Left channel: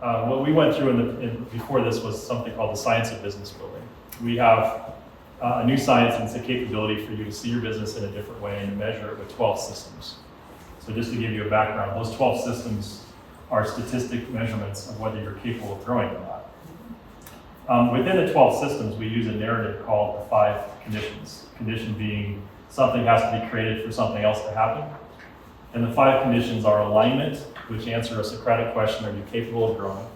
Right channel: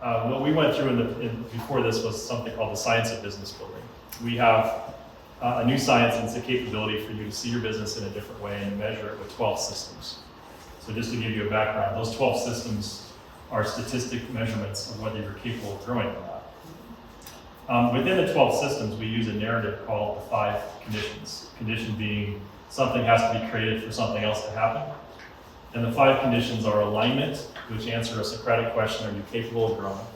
what we went through before this was something called the science of business building. We have a new science, and it's a capability for you to see your business in a different way and to measure it with 12 systems. So just to give you a background, those 12 systems are statistic measurements of whether you're capable of growing or not. Within the 12 systems, we use a narrative called the 5 conditions. Condition being something has to be created for something else to happen. And the 5 conditions are alignment, which answer a Socratic question, are you capable of growing?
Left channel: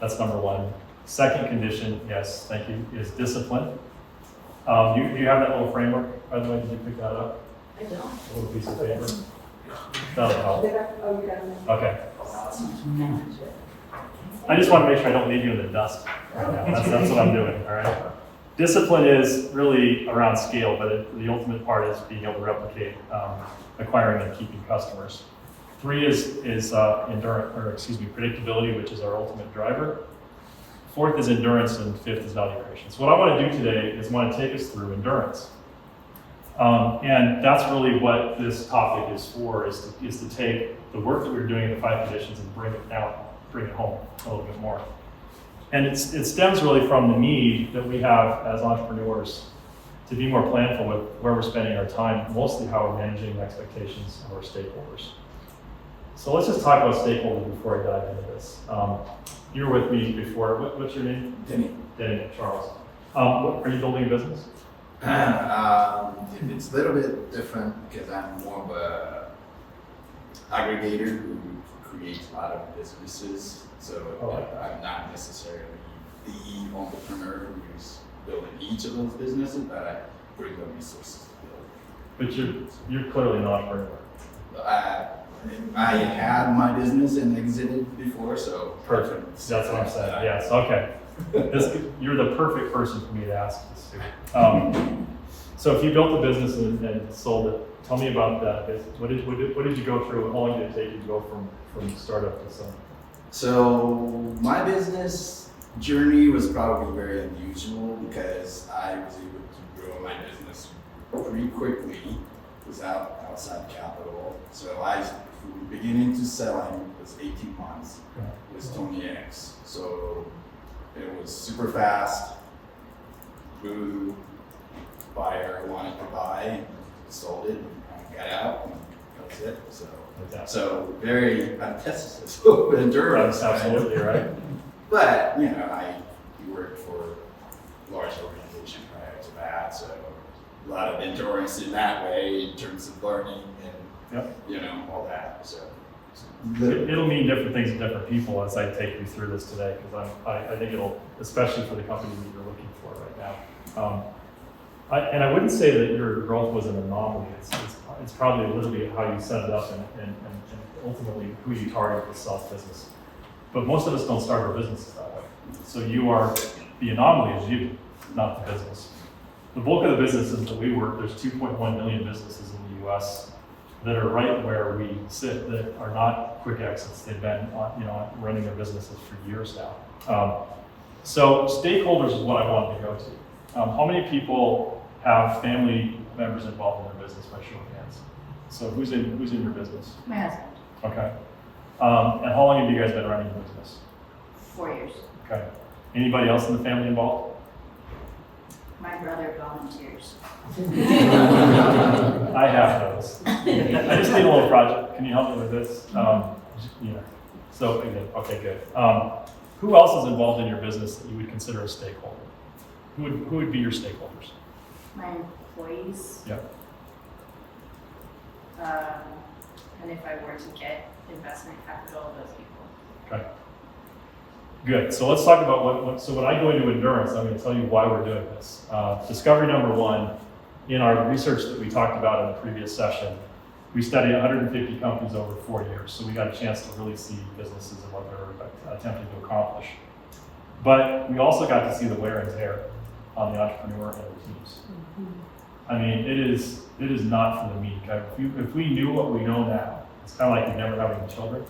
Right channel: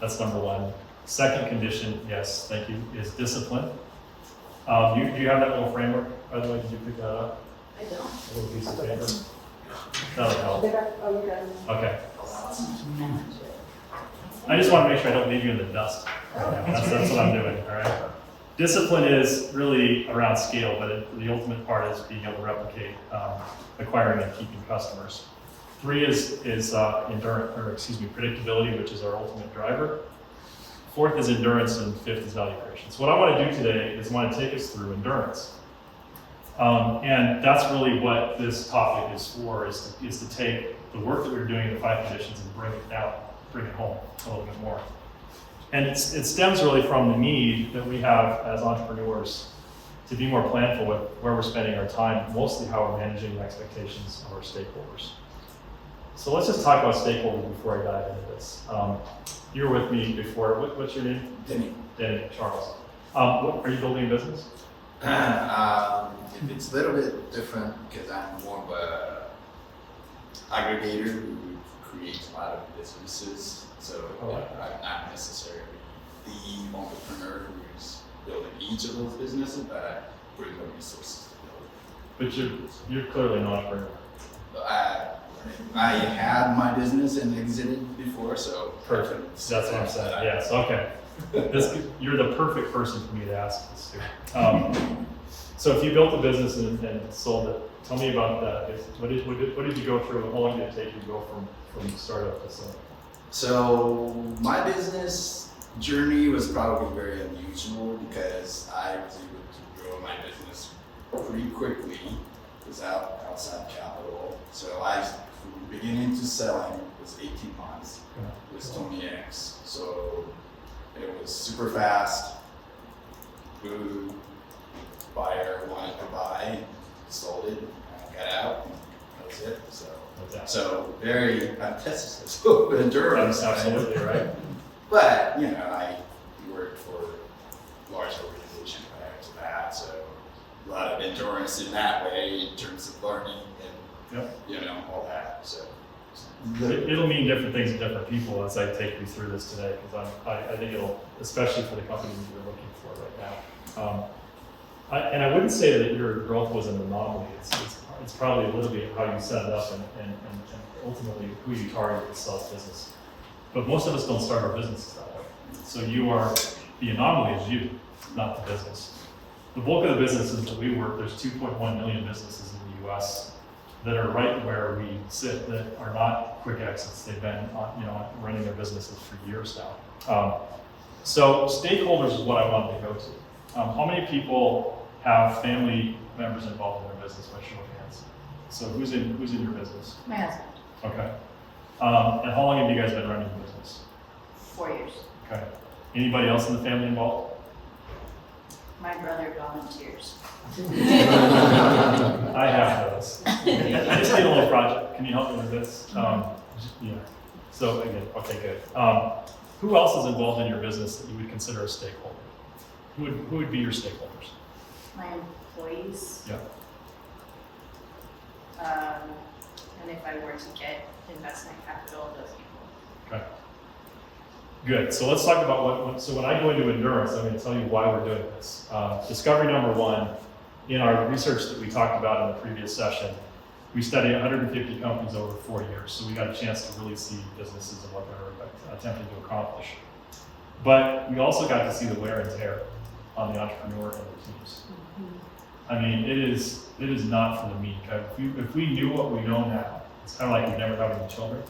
That's number 1. Second condition, yes, thank you, is discipline. Do you have that little framework, by the way? Did you pick that up? I don't. A little piece of paper? That'll help. Okay. I just want to make sure I don't leave you in the dust right now. That's what I'm doing, all right? Discipline is really around scale, but the ultimate part is being able to replicate, acquiring and keeping customers. 3 is predictability, which is our ultimate driver. 4th is endurance, and 5th is value creation. So what I want to do today is I want to take us through endurance. And that's really what this topic is for, is to take the work that we were doing in the 5 conditions and bring it home a little bit more. And it stems really from the need that we have as entrepreneurs to be more planful with where we're spending our time, mostly how we're managing the expectations of our stakeholders. So let's just talk about stakeholders before I dive into this. You were with me before. What's your name? Denny, Charles. Are you building a business? It's a little bit different because I'm more of a aggregator who creates a lot of businesses. So I'm not necessarily the entrepreneur who's building each of those businesses, but I bring the resources to build. But you're clearly an entrepreneur. I had my business and exited before, so perfect. That's what I'm saying. Yes. Okay. You're the perfect person for me to ask this to. So if you built a business and sold it, tell me about that. What did you go through? How long did it take you to go from startup to something? So my business journey was probably very unusual because I was able to grow my business pretty quickly without outside capital. So from beginning to selling was 18 months with Tony X. So it was super fast. Who buyer wanted to buy, sold it, got out, and that was it. So very test endurance. That's absolutely right. But I worked for a large organization prior to that, so a lot of endurance in that way in terms of learning and all that. So it'll mean different things to different people as I take you through this today, because I think it'll, especially for the companies that you're looking for right now. And I wouldn't say that your growth was an anomaly. It's probably a little bit how you set it up and ultimately who you target with self-business. But most of us don't start our businesses that way. So the anomaly is you, not the business. The bulk of the businesses that we work, there's 2.1 million businesses in the US that are right where we sit, that are not quick exits. They've been running their businesses for years now. So stakeholders is what I wanted to go to. How many people have family members involved in their business, by show of hands? So who's in your business? My husband. Okay. And how long have you guys been running the business? 4 years. Okay. Anybody else in the family involved? My brother volunteers. I have those. I just need a little project. Can you help me with this? So again, okay, good. Who else is involved in your business that you would consider a stakeholder? Who would be your stakeholders? My employees. Yep. And if I were to get investment capital, those people. Okay. Good. So let's talk about so when I go into endurance, I'm going to tell you why we're doing this. Discovery number 1, in our research that we talked about in the previous session, we studied 150 companies over 4 years. So we got a chance to really see businesses and what they're attempting to accomplish. But we also got to see the wear and tear on the entrepreneur and their teams. I mean, it is not for the meek. If we knew what we know now, it's kind of like we never having children.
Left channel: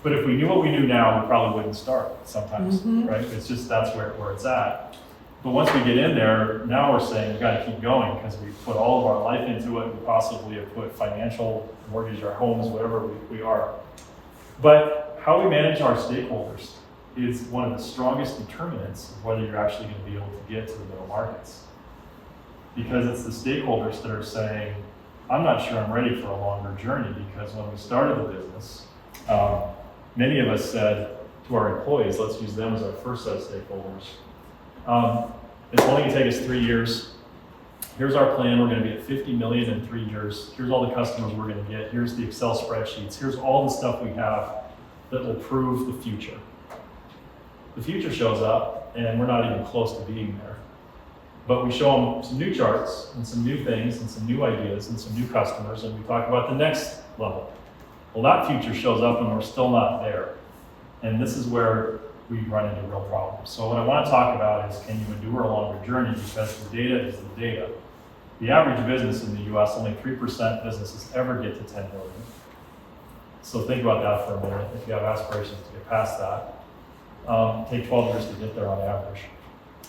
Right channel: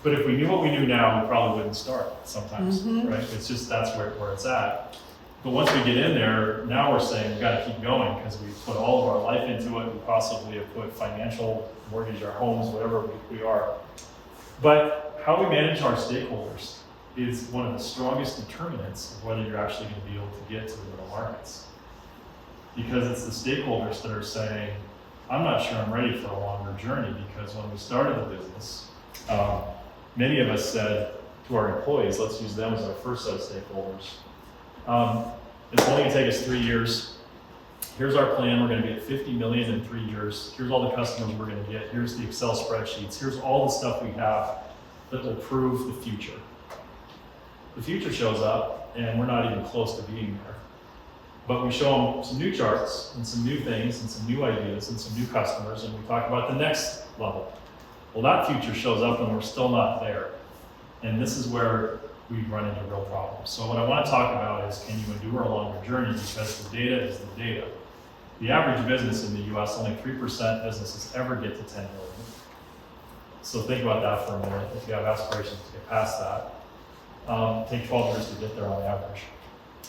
But if we knew what we knew now, we probably wouldn't start sometimes, right? It's just that's where it's at. But once we get in there, now we're saying we've got to keep going because we've put all of our life into it. We possibly have put financial, mortgage our homes, whatever we are. But how we manage our stakeholders is one of the strongest determinants of whether you're actually going to be able to get to the middle markets. Because it's the stakeholders that are saying, I'm not sure I'm ready for a longer journey, because when we started the business, many of us said to our employees, let's use them as our first set of stakeholders. It's only going to take us 3 years. Here's our plan. We're going to be at 50 million in 3 years. Here's all the customers we're going to get. Here's the Excel spreadsheets. Here's all the stuff we have that will prove the future. The future shows up, and we're not even close to being there. But we show them some new charts and some new things and some new ideas and some new customers, and we talk about the next level. Well, that future shows up and we're still not there. And this is where we run into real problems. So what I want to talk about is, can you endure a longer journey? Because the data is the data. The average business in the US, only 3% businesses ever get to 10 million. So think about that for a minute. If you have aspirations to get past that, take 12 years to get there on average.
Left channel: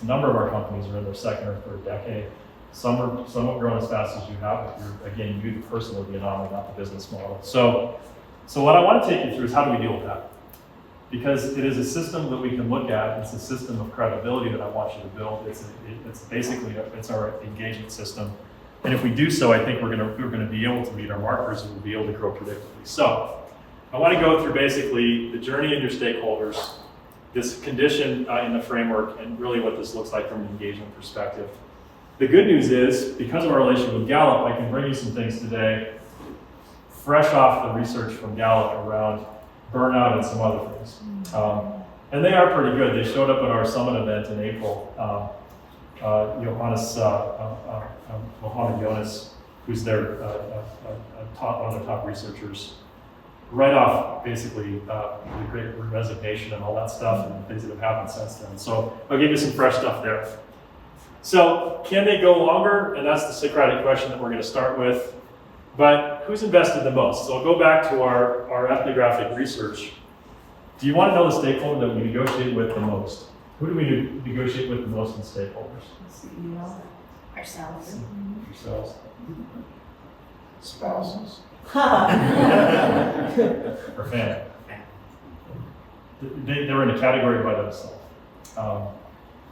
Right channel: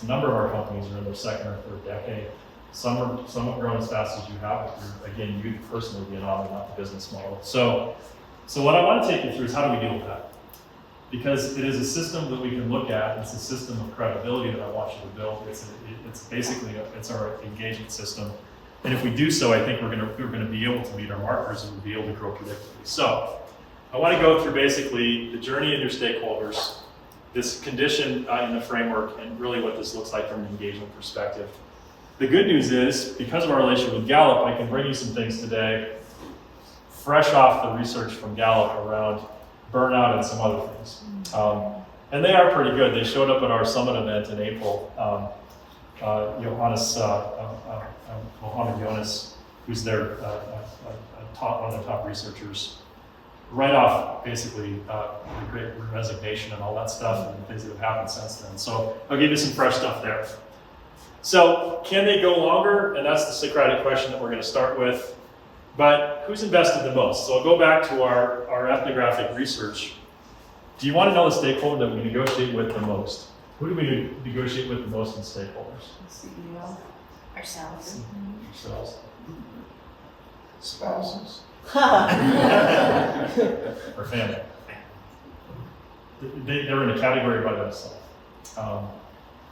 A number of our companies are in their second or third decade. Some have grown as fast as you have, but again, you the person will be an anomaly, not the business model. So what I want to take you through is, how do we deal with that? Because it is a system that we can look at. It's a system of credibility that I want you to build. It's basically it's our engagement system. And if we do so, I think we're going to be able to meet our markers, and we'll be able to grow predictably. So I want to go through basically the journey and your stakeholders, this condition in the framework, and really what this looks like from an engagement perspective. The good news is, because of our relationship with Gallup, I can bring you some things today, fresh off the research from Gallup around burnout and some other things. And they are pretty good. They showed up at our summit event in April. Mohammed Jonas, who's their one of the top researchers, right off basically the great resignation and all that stuff and things that have happened since then. So I'll give you some fresh stuff there. So can they go longer? And that's the Socratic question that we're going to start with. But who's invested the most? So I'll go back to our ethnographic research. Do you want to know the stakeholder that we negotiate with the most? Who do we negotiate with the most in stakeholders? CEO. Ourselves. Yourselves. Spouses. Or family. They're in a category by themselves.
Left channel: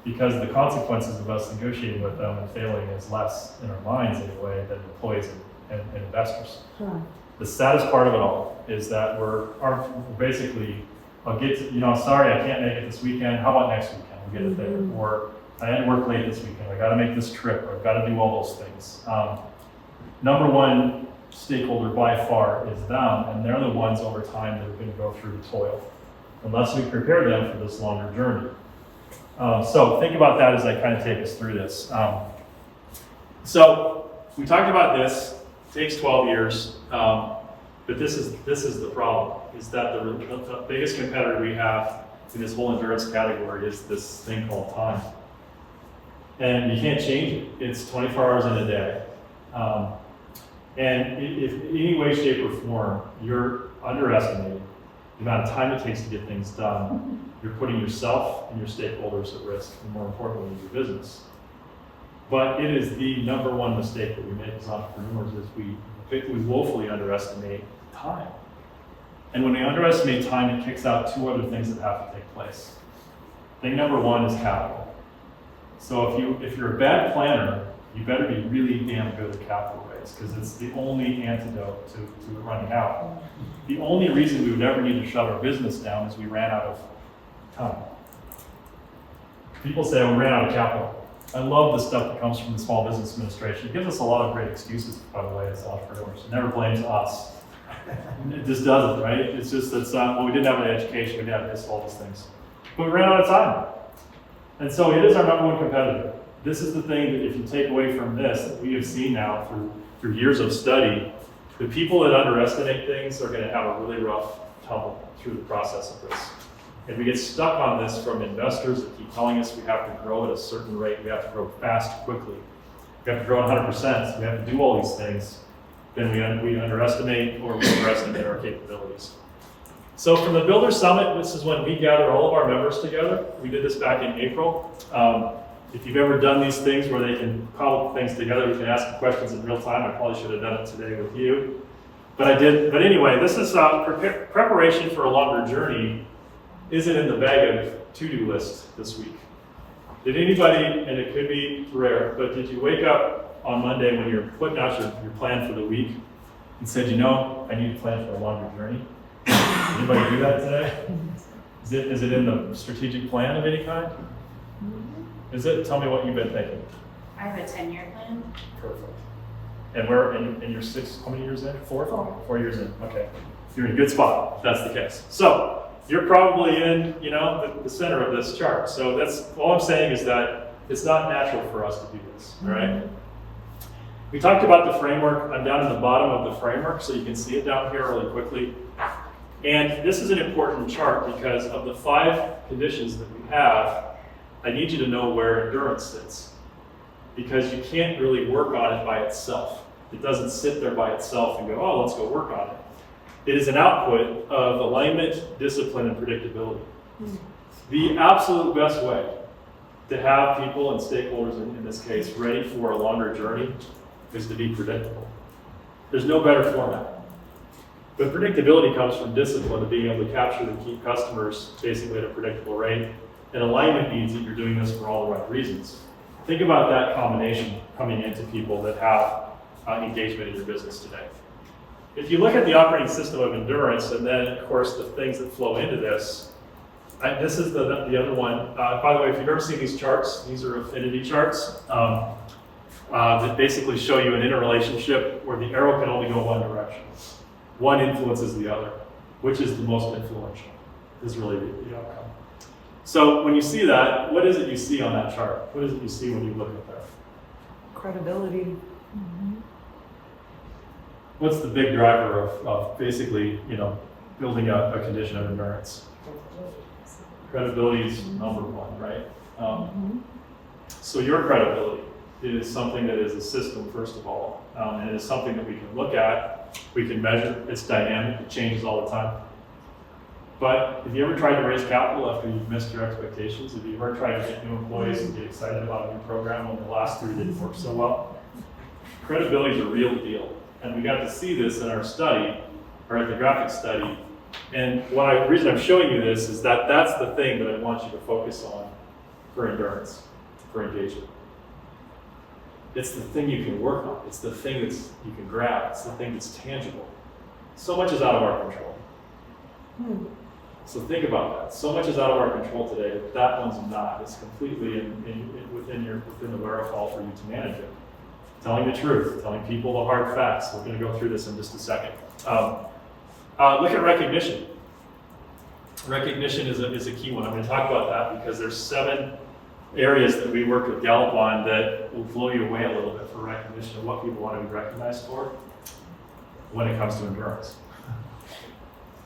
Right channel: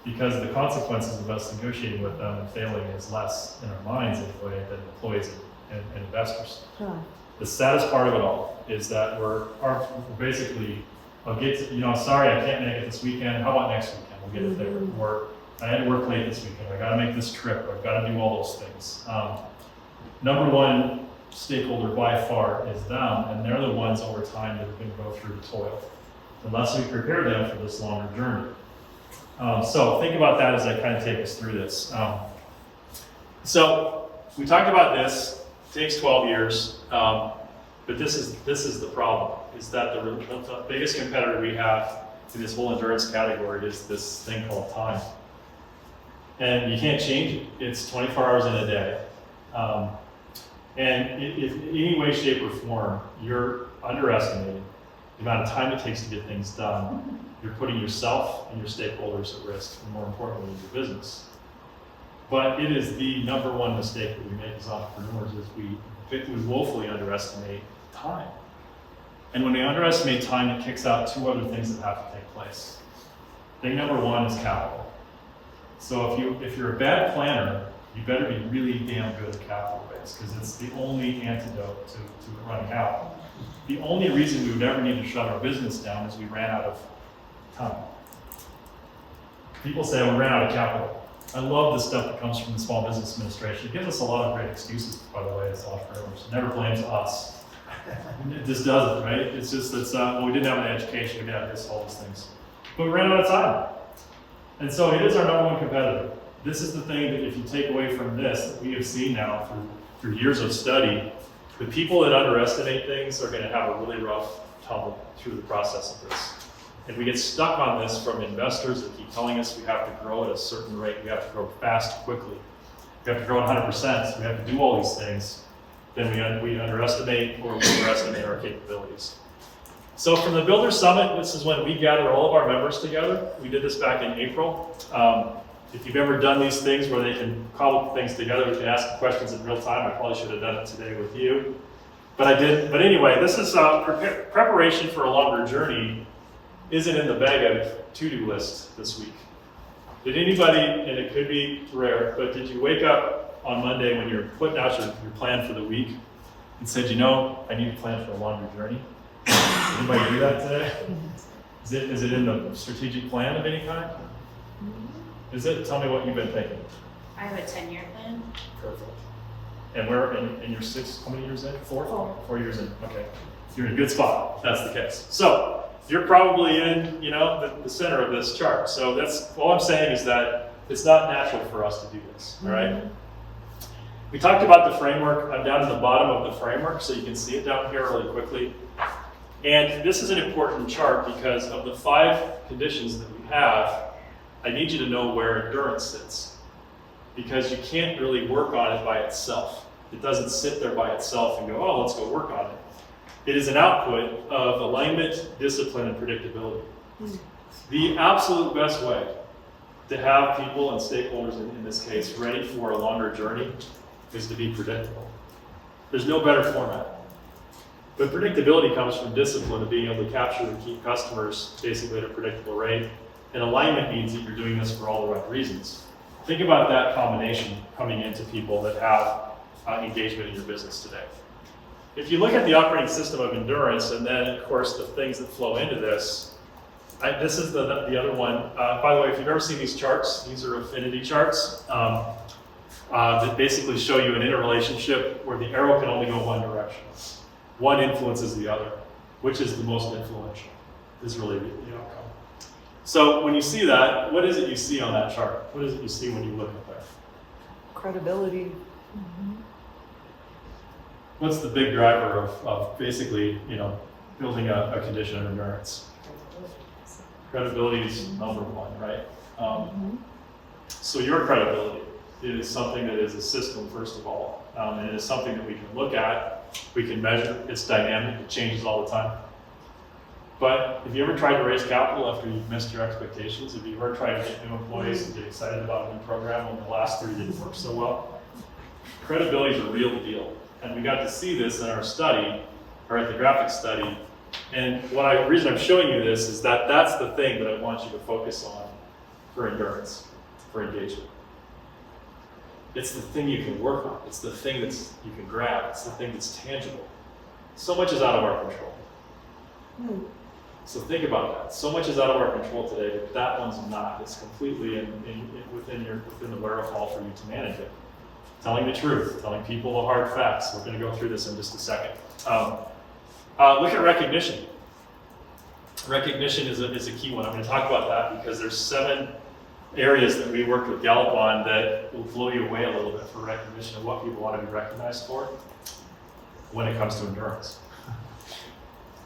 Because the consequences of us negotiating with them and failing is less in our minds anyway than employees and investors. The saddest part of it all is that we're basically, sorry, I can't make it this weekend. How about next weekend? We'll get it there. Or I had to work late this weekend. I got to make this trip, or I've got to do all those things. Number one stakeholder by far is them, and they're the ones over time that are going to go through the toil, unless we prepare them for this longer journey. So think about that as I kind of take us through this. So we talked about this. It takes 12 years, but this is the problem, is that the biggest competitor we have in this whole endurance category is this thing called time. And you can't change it. It's 24 hours in a day. And if in any way, shape, or form you're underestimating the amount of time it takes to get things done, you're putting yourself and your stakeholders at risk, and more importantly, your business. But it is the number one mistake that we make as entrepreneurs, is we woefully underestimate time. And when we underestimate time, it kicks out two other things that have to take place. Thing number one is capital. So if you're a bad planner, you better be really damn good at capital raise, because it's the only antidote to it running out. The only reason we would ever need to shut our business down is we ran out of time. People say we ran out of capital. I love the stuff that comes from the Small Business Administration. It gives us a lot of great excuses, by the way, as entrepreneurs. It never blames us. It just doesn't, right? It's just that, we didn't have the education, we didn't have this, all those things. But we ran out of time. And so it is our number one competitor. This is the thing that if you take away from this, that we have seen now through years of study, the people that underestimate things are going to have a really rough tumble through the process of this. If we get stuck on this from investors that keep telling us we have to grow at a certain rate, we have to grow fast, quickly, we have to grow 100%, we have to do all these things, then we underestimate or we overestimate our capabilities. So from the Builder Summit, this is when we gather all of our members together. We did this back in April. If you've ever done these things where they can cobble things together, we can ask questions in real time. I probably should have done it today with you. But but anyway, this is preparation for a longer journey isn't in the bag of to-do list this week. Did anybody, and it could be rare, but did you wake up on Monday when you're putting out your plan for the week and said, I need to plan for a longer journey? Anybody do that today? Is it in the strategic plan of any kind? Is it? Tell me what you've been thinking. I have a 10-year plan. Perfect. And where, and you're how many years in? 4? 4 years in, okay. You're in a good spot, if that's the case. So, you're probably in, the center of this chart. So that's, all I'm saying is that it's not natural for us to do this, all right? We talked about the framework. I'm down in the bottom of the framework, so you can see it down here really quickly. And this is an important chart because of the 5 conditions that we have, I need you to know where endurance sits. Because you can't really work on it by itself. It doesn't sit there by itself and go, oh, let's go work on it. It is an output of alignment, discipline, and predictability. The absolute best way to have people and stakeholders, in this case, ready for a longer journey is to be predictable. There's no better format. But predictability comes from discipline of being able to capture and keep customers basically at a predictable rate. And alignment means that you're doing this for all the right reasons. Think about that combination coming into people that have engagement in your business today. If you look at the operating system of endurance, and then of course the things that flow into this, this is the other one. By the way, if you've ever seen these charts, these are affinity charts that basically show you an interrelationship where the arrow can only go one direction. One influences the other. Which is the most influential is really the outcome. So when you see that, what is it you see on that chart? What is it you see when you look at that? Credibility. What's the big driver of basically, building a condition of endurance? Credibility is number one, right? So your credibility is something that is a system, first of all, and it is something that we can look at, we can measure. It's dynamic, it changes all the time. But have you ever tried to raise capital after you've missed your expectations? Have you ever tried to get new employees and get excited about a new program when the last 3 didn't work so well? Credibility is a real deal. And we got to see this in our study, or at the graphic study. And the reason I'm showing you this is that that's the thing that I want you to focus on for endurance, for engagement. It's the thing you can work on. It's the thing you can grab. It's the thing that's tangible. So much is out of our control. So think about that. So much is out of our control today that one's not. It's completely within the wherewithal for you to manage it. Telling the truth, telling people the hard facts. We're going to go through this in just a second. Look at recognition. Recognition is a key one. I'm going to talk about that because there's 7 areas that we worked with Gallup on that will blow you away a little bit for recognition of what people want to be recognized for when it comes to endurance.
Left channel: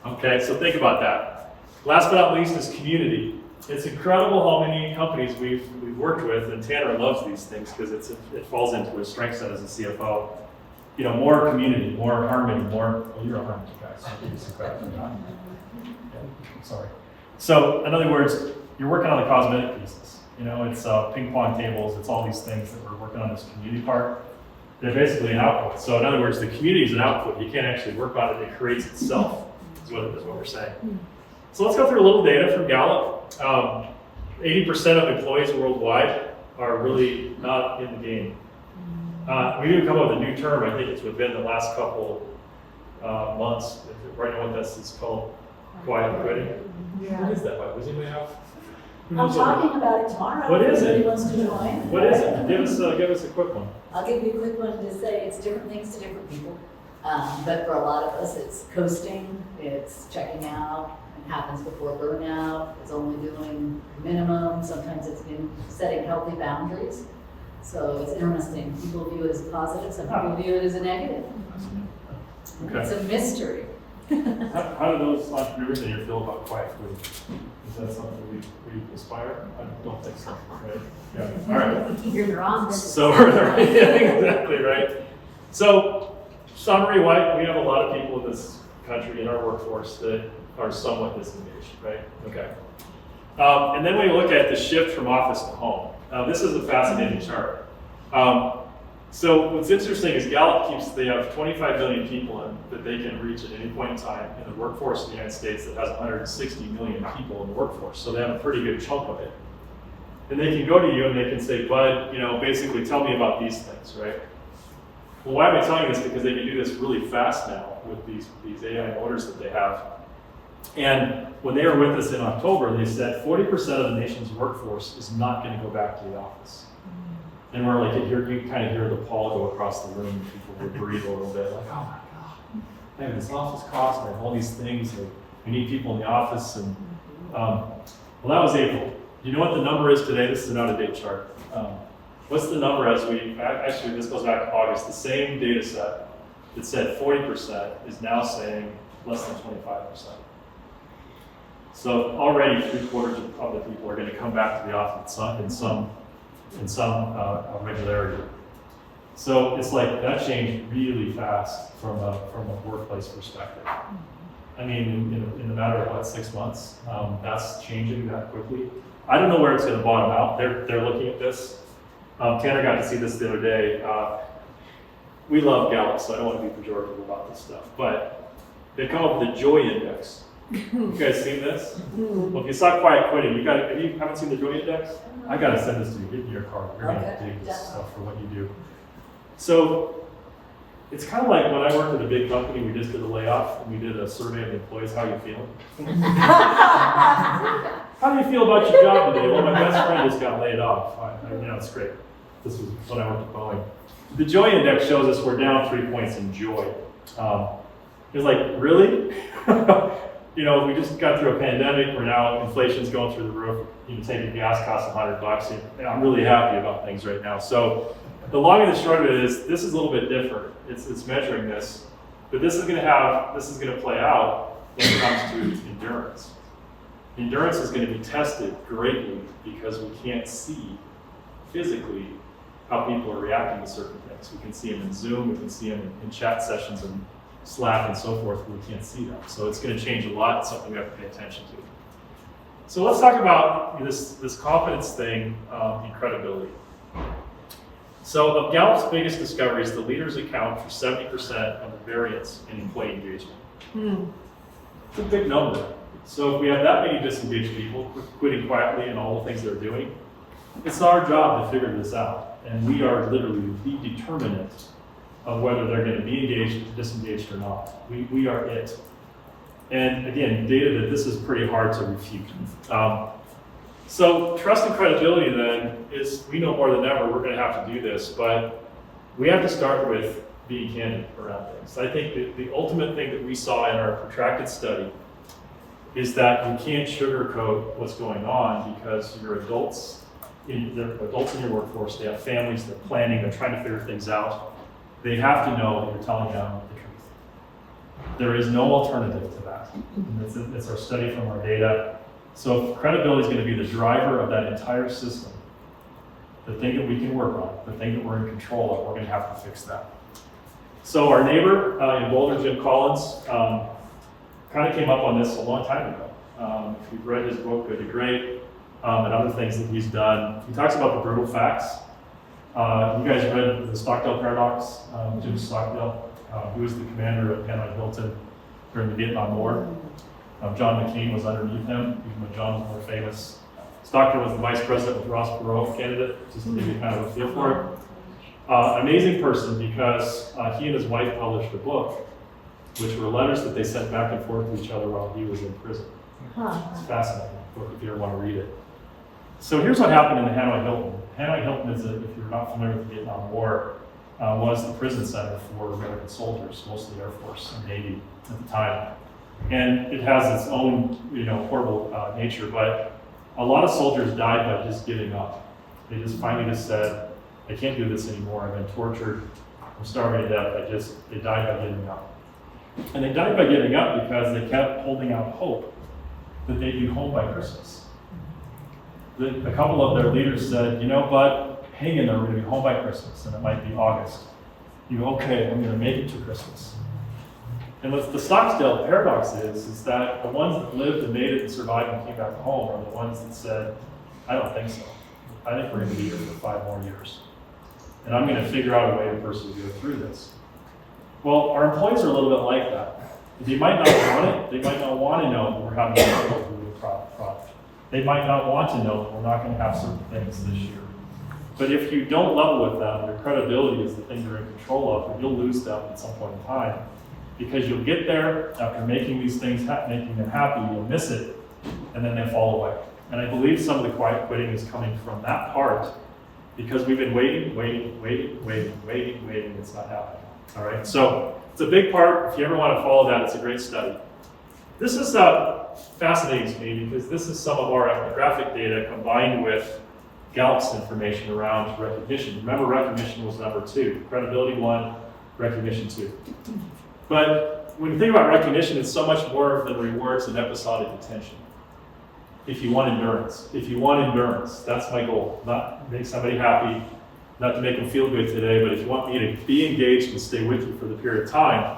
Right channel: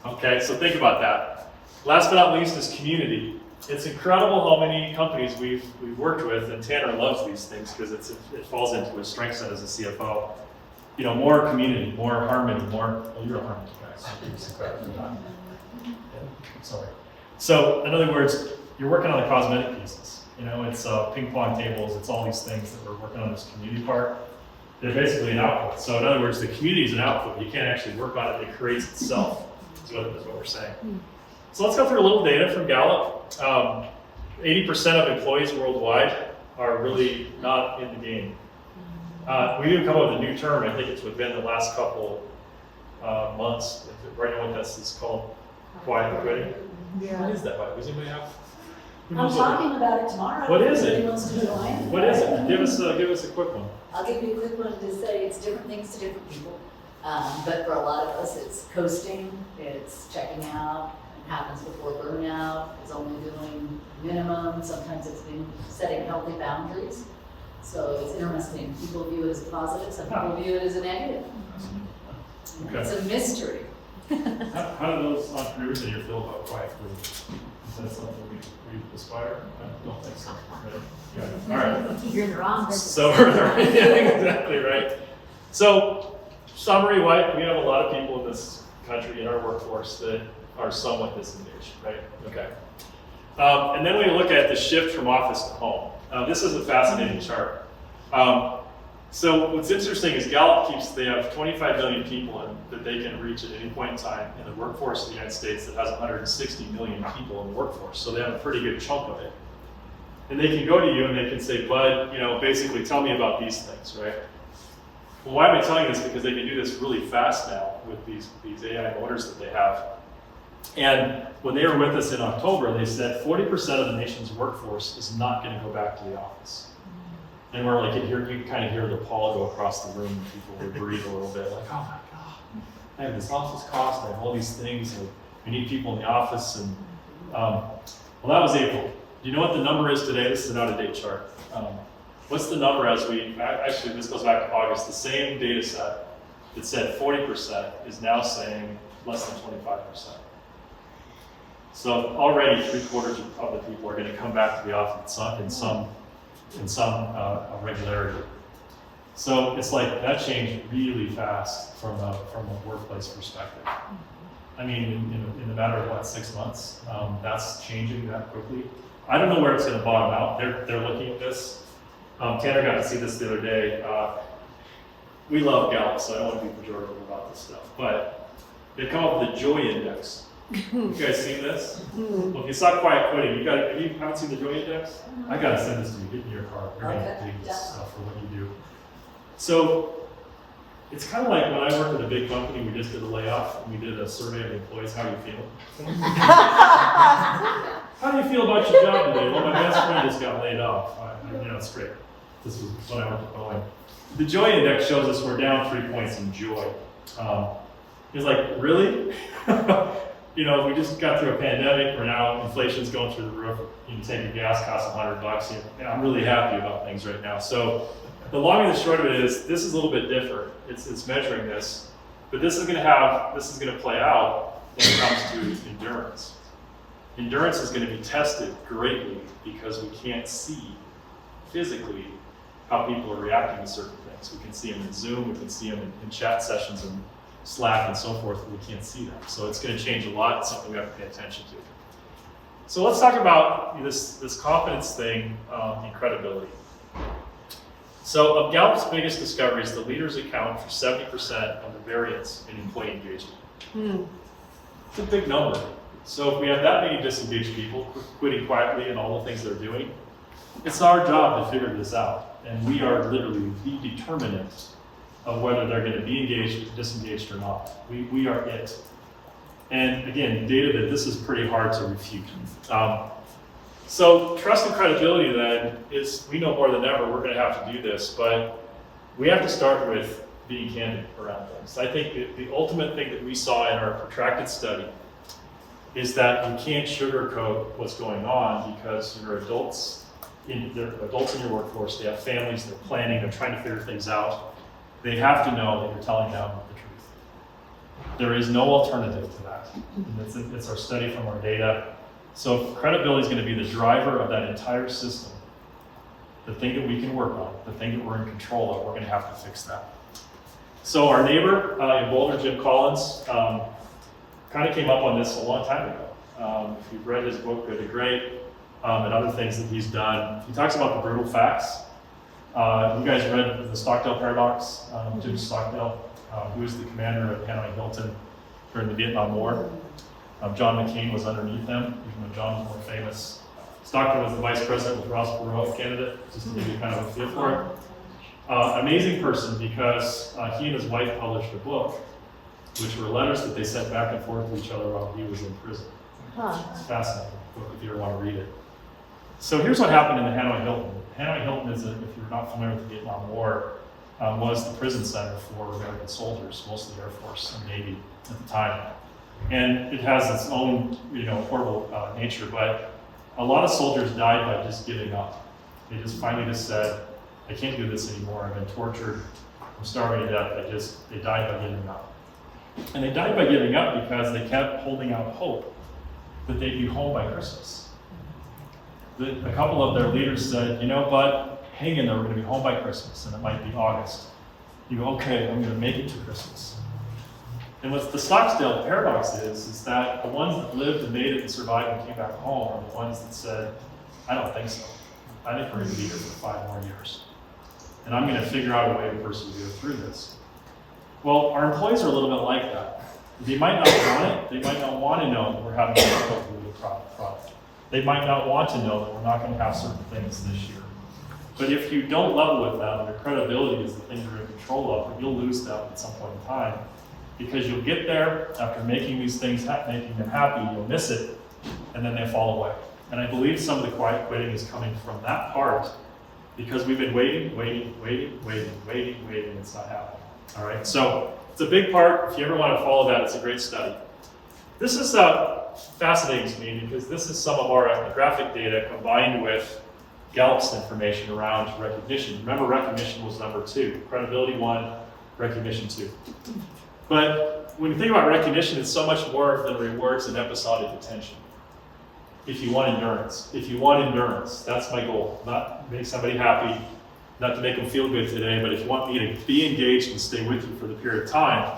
Okay, so think about that. Last but not least is community. It's incredible how many companies we've worked with, and Tanner loves these things because it falls into his strength set as a CFO. More community, more harmony, you're a harmony guy, so I'll give you some credit for that. Yeah, sorry. So, in other words, you're working on the cosmetic pieces. It's ping pong tables, it's all these things that we're working on this community part. They're basically an output. So, in other words, the community is an output. You can't actually work on it, it creates itself, is what we're saying. So let's go through a little data from Gallup. 80% of employees worldwide are really not in the game. We need to come up with a new term. I think it's within the last couple months. Right now, what this is called, quiet quitting. Yeah. What is that? Does anybody have? I'm talking about it tomorrow. What is it? Everybody wants to join. What is it? Give us a quick one. I'll give you a quick one to say it's different things to different people. But for a lot of us, it's coasting, it's checking out. It happens before burnout. It's only doing minimum. Sometimes it's been setting healthy boundaries. So it's interesting. People view it as a positive. Some people view it as a negative. Okay. It's a mystery. How do those entrepreneurs in here feel about quiet quitting? Is that something we aspire? I don't think so, right? Yeah. All right. You're the wrong person. So we're there. Yeah, exactly right. So, summary: why we have a lot of people in this country in our workforce that are somewhat disengaged, right? Okay. And then when you look at the shift from office to home, this is a fascinating chart. So what's interesting is Gallup they have 25 million people that they can reach at any point in time in the workforce of the United States that has 160 million people in the workforce. So they have a pretty good chunk of it. And they can go to you and they can say, Bud, basically tell me about these things, right? Well, why am I telling you this? Because they can do this really fast now with these AI motors that they have. And when they were with us in October, they said 40% of the nation's workforce is not going to go back to the office. And we're like, you kind of hear the pall go across the room, and people would breathe a little bit, like, oh my God, I have this office cost, I have all these things, like, we need people in the office. And well, that was April. Do you know what the number is today? This is an out-of-date chart. What's the number actually, this goes back to August, the same data set that said 40% is now saying less than 25%. So already 3/4 of the people are going to come back to the office in some regularity. So it's like that changed really fast from a workplace perspective. I mean, in the matter of what, 6 months, that's changing that quickly. I don't know where it's going to bottom out. They're looking at this. Tanner got to see this the other day. We love Gallup, so I don't want to be pejorative about this stuff, but they come up with the joy index. You guys seen this? Well, if you saw quiet quitting, if you haven't seen the joy index, I got to send this to you. Get me your card. You're going to dig this stuff for what you do. So it's kind of like when I worked at a big company, we just did a layoff and we did a survey of the employees. How are you feeling? How do you feel about your job today? Well, my best friend just got laid off. It's great. This was when I went to Boeing. The joy index shows us we're down 3 points in joy. It's like, really? We just got through a pandemic where now inflation's going through the roof. Taking gas costs $100. I'm really happy about things right now. So the long and the short of it is, this is a little bit different. It's measuring this, but this is going to play out when it comes to endurance. Endurance is going to be tested greatly because we can't see physically how people are reacting to certain things. We can see them in Zoom, we can see them in chat sessions and Slack and so forth, but we can't see them. So it's going to change a lot. It's something we have to pay attention to. So let's talk about this confidence thing and credibility. So of Gallup's biggest discoveries, the leaders account for 70% of the variance in employee engagement. It's a big number. So if we have that many disengaged people quitting quietly and all the things they're doing, it's our job to figure this out. And we are literally the determinant of whether they're going to be engaged, disengaged or not. We are it. And again, data that this is pretty hard to refute. So trust and credibility then is, we know more than ever we're going to have to do this, but we have to start with being candid around things. I think the ultimate thing that we saw in our protracted study is that you can't sugarcoat what's going on, because you're adults in your workforce, they have families, they're planning, they're trying to figure things out. They have to know that you're telling them the truth. There is no alternative to that. And it's our study from our data. So credibility is going to be the driver of that entire system. The thing that we can work on, the thing that we're in control of, we're going to have to fix that. So our neighbor in Boulder, Jim Collins, kind of came up on this a long time ago. If you've read his book, Good to Great, and other things that he's done, he talks about the brutal facts. You guys read the Stockdale Paradox, Jim Stockdale. He was the commander of Hanoi Hilton during the Vietnam War. John McCain was underneath him, even though John was more famous. Stockdale was the vice president with Ross Perot candidate, just to give you kind of a feel for it. Amazing person, because he and his wife published a book, which were letters that they sent back and forth to each other while he was in prison. It's fascinating book if you ever want to read it. So here's what happened in the Hanoi Hilton. Hanoi Hilton is, if you're not familiar with the Vietnam War, was the prison center for American soldiers, mostly Air Force and Navy at the time. And it has its own, horrible nature, but a lot of soldiers died by just giving up. They just finally just said, I can't do this anymore, I've been tortured, I'm starving to death, they died by giving up. And they died by giving up because they kept holding out hope that they'd be home by Christmas. A couple of their leaders said, Bud, hang in there, we're going to be home by Christmas, and it might be August. You go, okay, I'm going to make it to Christmas. And what the Stockdale paradox is that the ones that lived and made it and survived and came back home are the ones that said, I don't think so. I think we're going to be here for 5 more years. and I'm gonna figure out a way to personally go through this. Well, our employees are a little bit like that. They might not want it, they might not want to know that we're having to go through the product. They might not want to know that we're not gonna have certain things this year. But if you don't level with them, your credibility is the thing you're in control of, and you'll lose them at some point in time. Because you'll get there after making these things, making them happy, you'll miss it, and then they fall away. And I believe some of the quiet quitting is coming from that part, because we've been waiting, it's not happening. All right, so it's a big part. If you ever want to follow that, it's a great study. This is fascinating to me because this is some of our ethnographic data combined with Gallup's information around recognition. Remember, recognition was number 2, credibility 1, recognition 2. But when you think about recognition, it's so much more than rewards and episodic attention. If you want endurance, that's my goal. Not make somebody happy, not to make them feel good today, but if you want me to be engaged and stay with you for the period of time,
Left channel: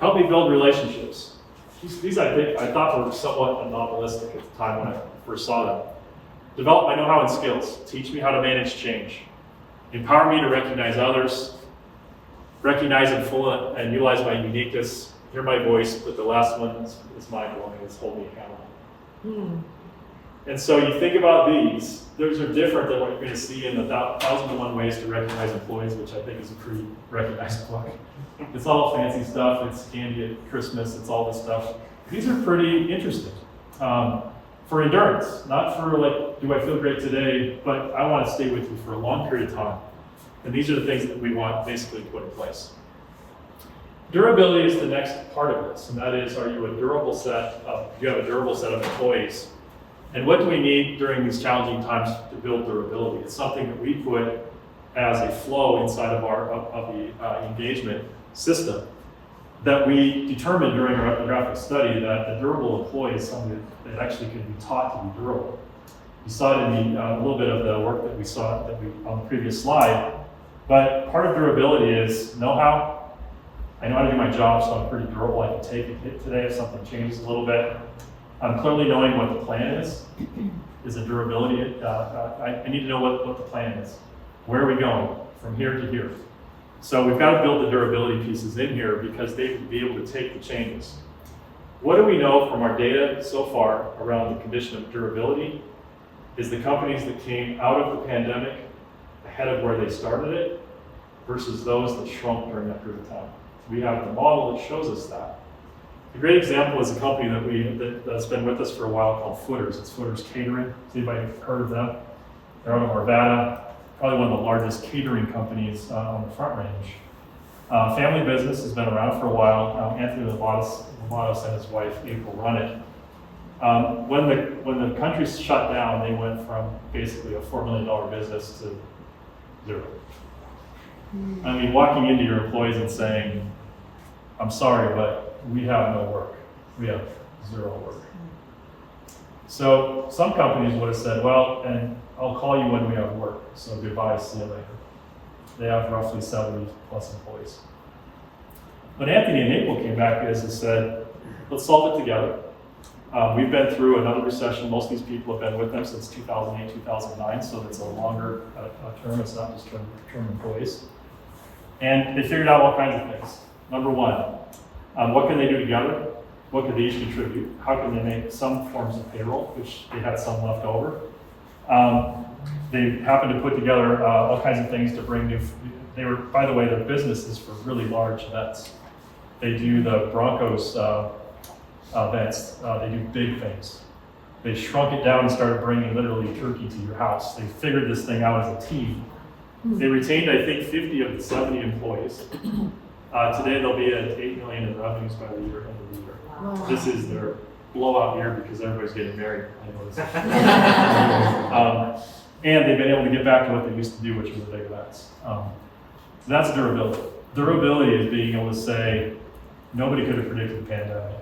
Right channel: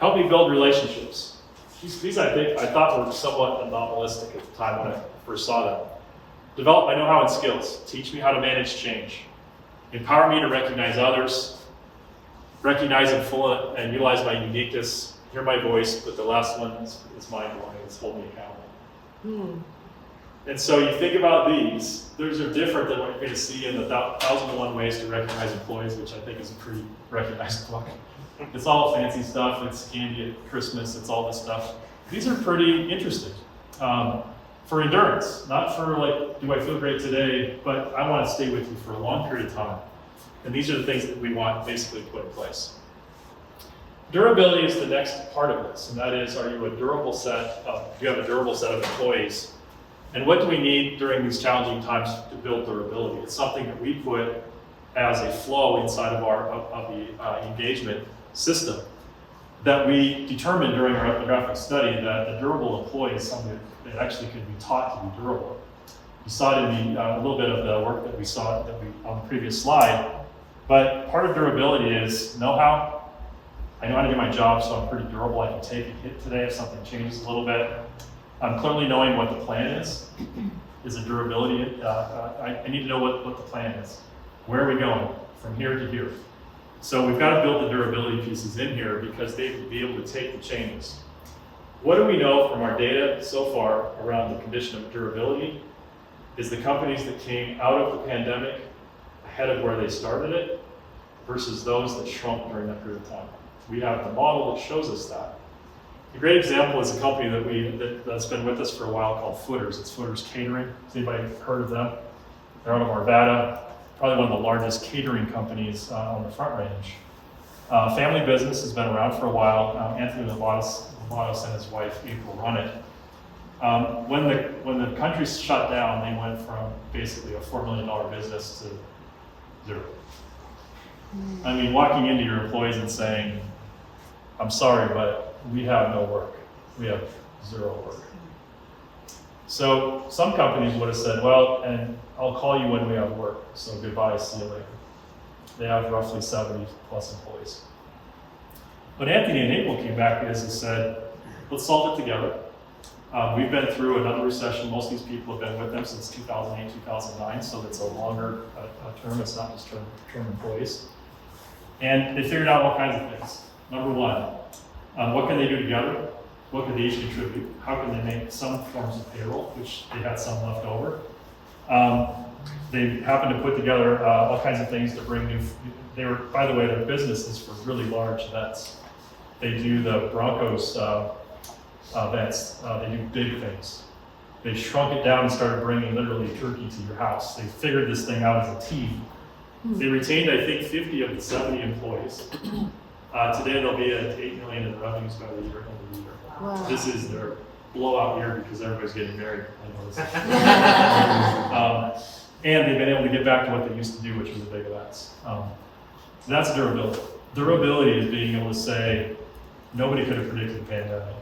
help me build relationships. These I thought were somewhat anomalistic at the time when I first saw them. Develop my know-how and skills. Teach me how to manage change. Empower me to recognize others. Recognize and utilize my uniqueness. Hear my voice, but the last one is mind-blowing. It's hold me accountable. And so you think about these. Those are different than what you're going to see in the 1,001 Ways to Recognize Employees, which I think is a pretty recognized book. It's all fancy stuff. It's candy at Christmas. It's all this stuff. These are pretty interesting. For endurance, not for like, do I feel great today, but I want to stay with you for a long period of time. And these are the things that we want basically to put in place. Durability is the next part of this, and that is, are you a durable set of, do you have a durable set of employees? And what do we need during these challenging times to build durability? It's something that we put as a flow inside of the engagement system that we determined during our ethnographic study that a durable employee is something that actually can be taught to be durable. You saw it in a little bit of the work that we saw on the previous slide, but part of durability is know-how. I know how to do my job, so I'm pretty durable. I can take a hit today if something changes a little bit. I'm clearly knowing what the plan is a durability. I need to know what the plan is. Where are we going from here to here? So we've got to build the durability pieces in here because they will be able to take the changes. What do we know from our data so far around the condition of durability is the companies that came out of the pandemic ahead of where they started it versus those that shrunk during that period of time. We have the model that shows us that. A great example is a company that's been with us for a while called Footers. It's Footers Catering. Has anybody heard of them? They're out of Arvada, probably one of the largest catering companies on the Front Range. Family business has been around for a while. Anthony Lamatos and his wife April run it. When the country shut down, they went from basically a $4 million business to 0. I mean, walking into your employees and saying, I'm sorry, but we have no work. We have 0 work. So some companies would have said, well, and I'll call you when we have work. So goodbye, see you later. They have roughly 70 plus employees. But Anthony and April came back and said, let's solve it together. We've been through another recession. Most of these people have been with them since 2008, 2009. So it's a longer term. It's not just term employees. And they figured out all kinds of things. Number one, what can they do together? What can they each contribute? How can they make some forms of payroll, which they had some left over? They happened to put together all kinds of things to bring by the way, their business is for really large events. They do the Broncos events. They do big things. They shrunk it down and started bringing literally turkey to your house. They figured this thing out as a team. They retained, I think, 50 of the 70 employees. Today they'll be at $8 million in revenues by the end of the year. Wow. This is their blowout year because everybody's getting married. I know this. And they've been able to get back to what they used to do, which was the big events. That's durability. Durability is being able to say, nobody could have predicted the pandemic.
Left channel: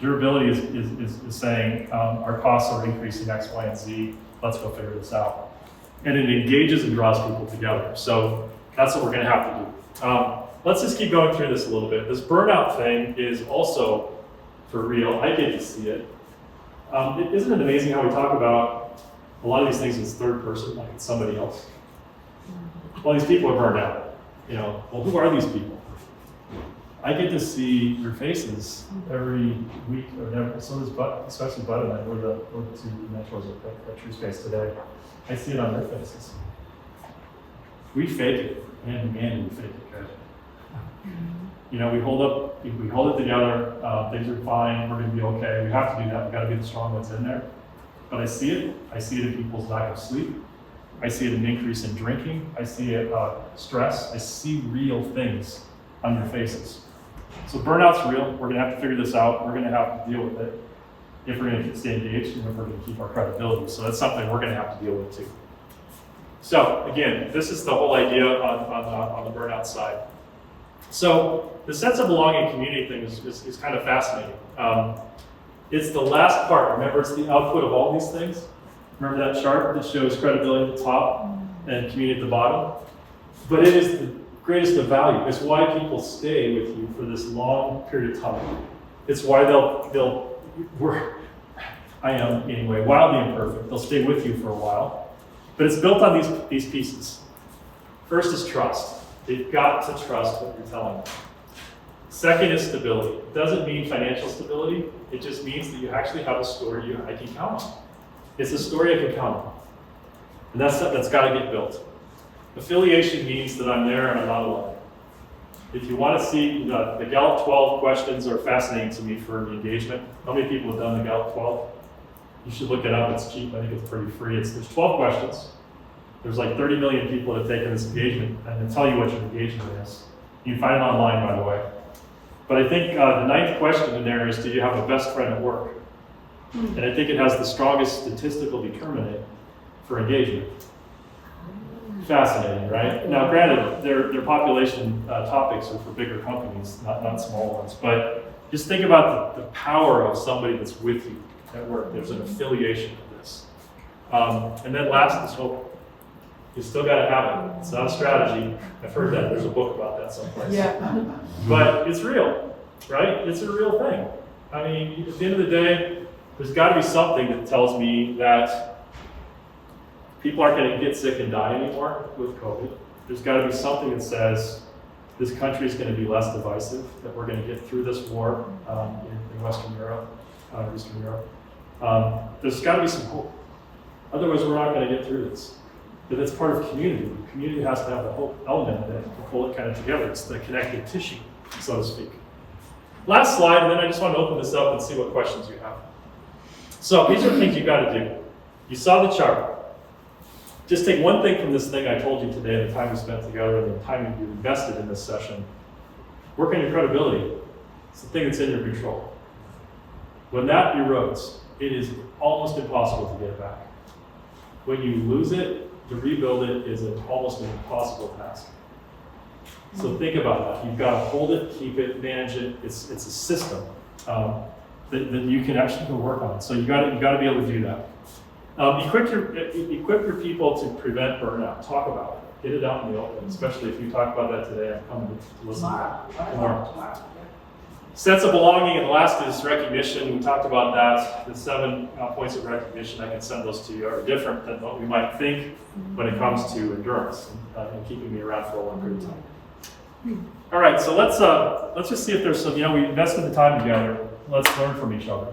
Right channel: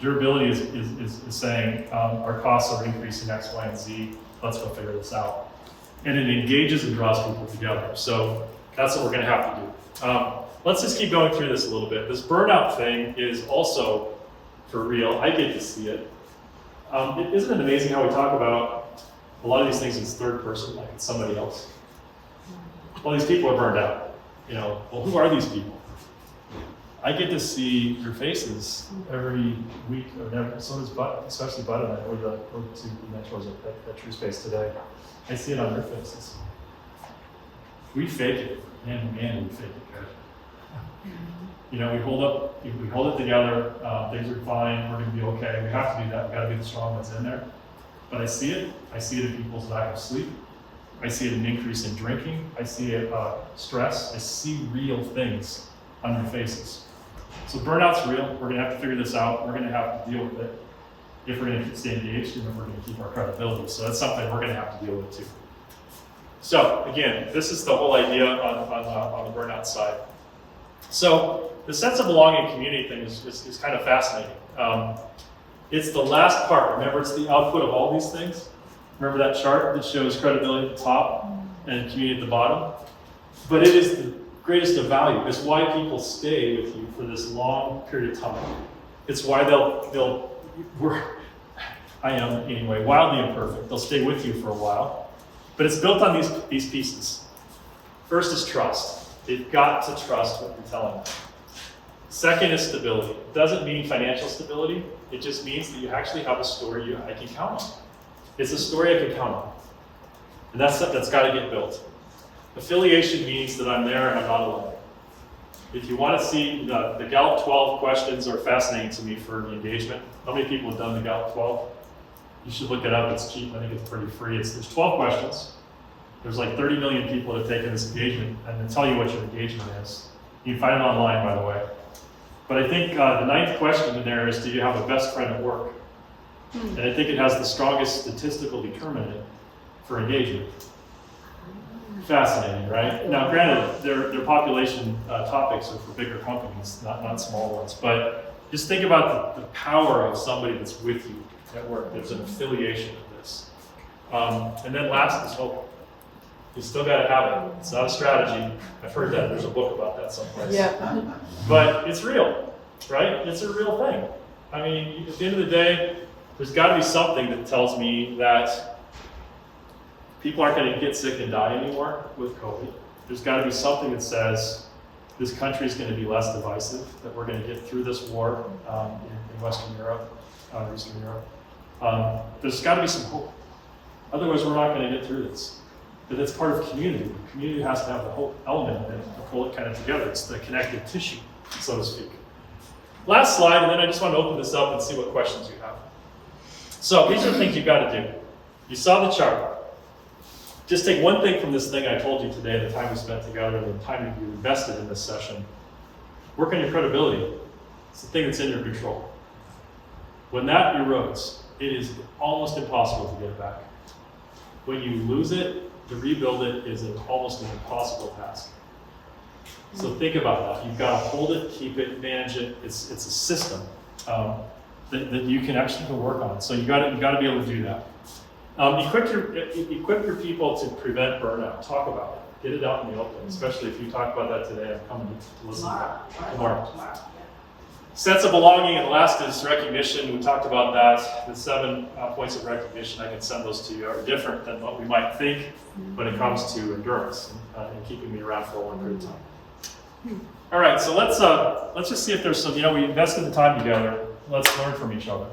Durability is saying, our costs are increasing X, Y, and Z. Let's go figure this out. And it engages and draws people together. So that's what we're going to have to do. Let's just keep going through this a little bit. This burnout thing is also for real. I get to see it. Isn't it amazing how we talk about a lot of these things in third person, like it's somebody else? well, these people are burned out. Well, who are these people? I get to see their faces every week, so does Bud, especially Bud and I. We're the two mentors at TrueSpace today. I see it on their faces. We fake it, man, we fake it good. We hold it together, things are fine, we're gonna be okay, we have to do that, we gotta be the strong ones in there. But I see it in people's lack of sleep, I see it in increase in drinking, I see it stress, I see real things on your faces. So burnout's real, we're gonna have to figure this out, we're gonna have to deal with it if we're gonna stay engaged and if we're gonna keep our credibility. So that's something we're gonna have to deal with too. So again, this is the whole idea on the burnout side. So the sense of belonging community thing is kind of fascinating. It's the last part. Remember, it's the output of all these things. Remember that chart that shows credibility at the top and community at the bottom? But it is the greatest of value. It's why people stay with you for this long period of time. It's why I am anyway, wildly imperfect. They'll stay with you for a while. But it's built on these pieces. First is trust. They've got to trust what you're telling them. Second is stability. It doesn't mean financial stability. It just means that you actually have a story I can count on. It's a story I can count on. And that's got to get built. Affiliation means that I'm there and I'm not alone. If you want to see, the Gallup 12 questions are fascinating to me for engagement. How many people have done the Gallup 12? You should look it up. It's cheap. I think it's pretty free. There's 12 questions. There's like 30 million people that have taken this engagement, and they tell you what your engagement is. You can find it online, by the way. But I think the 9th question in there is, do you have a best friend at work? And I think it has the strongest statistical determinant for engagement. Fascinating, right? Now, granted, their population topics are for bigger companies, not small ones. But just think about the power of somebody that's with you at work. There's an affiliation to this. And then last is hope. You still got to have it. It's not a strategy. I've heard that. There's a book about that someplace. Yeah. But it's real, right? It's a real thing. I mean, at the end of the day, there's got to be something that tells me that people aren't going to get sick and die anymore with COVID. There's got to be something that says this country is going to be less divisive, that we're going to get through this war in Western Europe, Eastern Europe. There's got to be some hope. Otherwise, we're not going to get through this. But it's part of community. Community has to have the hope element in it to pull it kind of together. It's the connective tissue, so to speak. Last slide, and then I just want to open this up and see what questions you have. So these are the things you've got to do. You saw the chart. Just take one thing from this thing I told you today, the time we spent together and the time you invested in this session. Work on your credibility. It's the thing that's in your control. When that erodes, it is almost impossible to get it back. When you lose it, to rebuild it is almost an impossible task. So think about that. You've got to hold it, keep it, manage it. It's a system that you can actually go work on. So you got to be able to do that. Equip your people to prevent burnout. Talk about it. Get it out in the open. Especially if you talk about that today, I'm coming to listen to that tomorrow. Sense of belonging, and the last is recognition. We talked about that. The 7 points of recognition, I can send those to you, are different than what we might think when it comes to endurance and keeping me around for a long period of time. All right, so let's just see if there's some, we invested the time together. Let's learn from each other.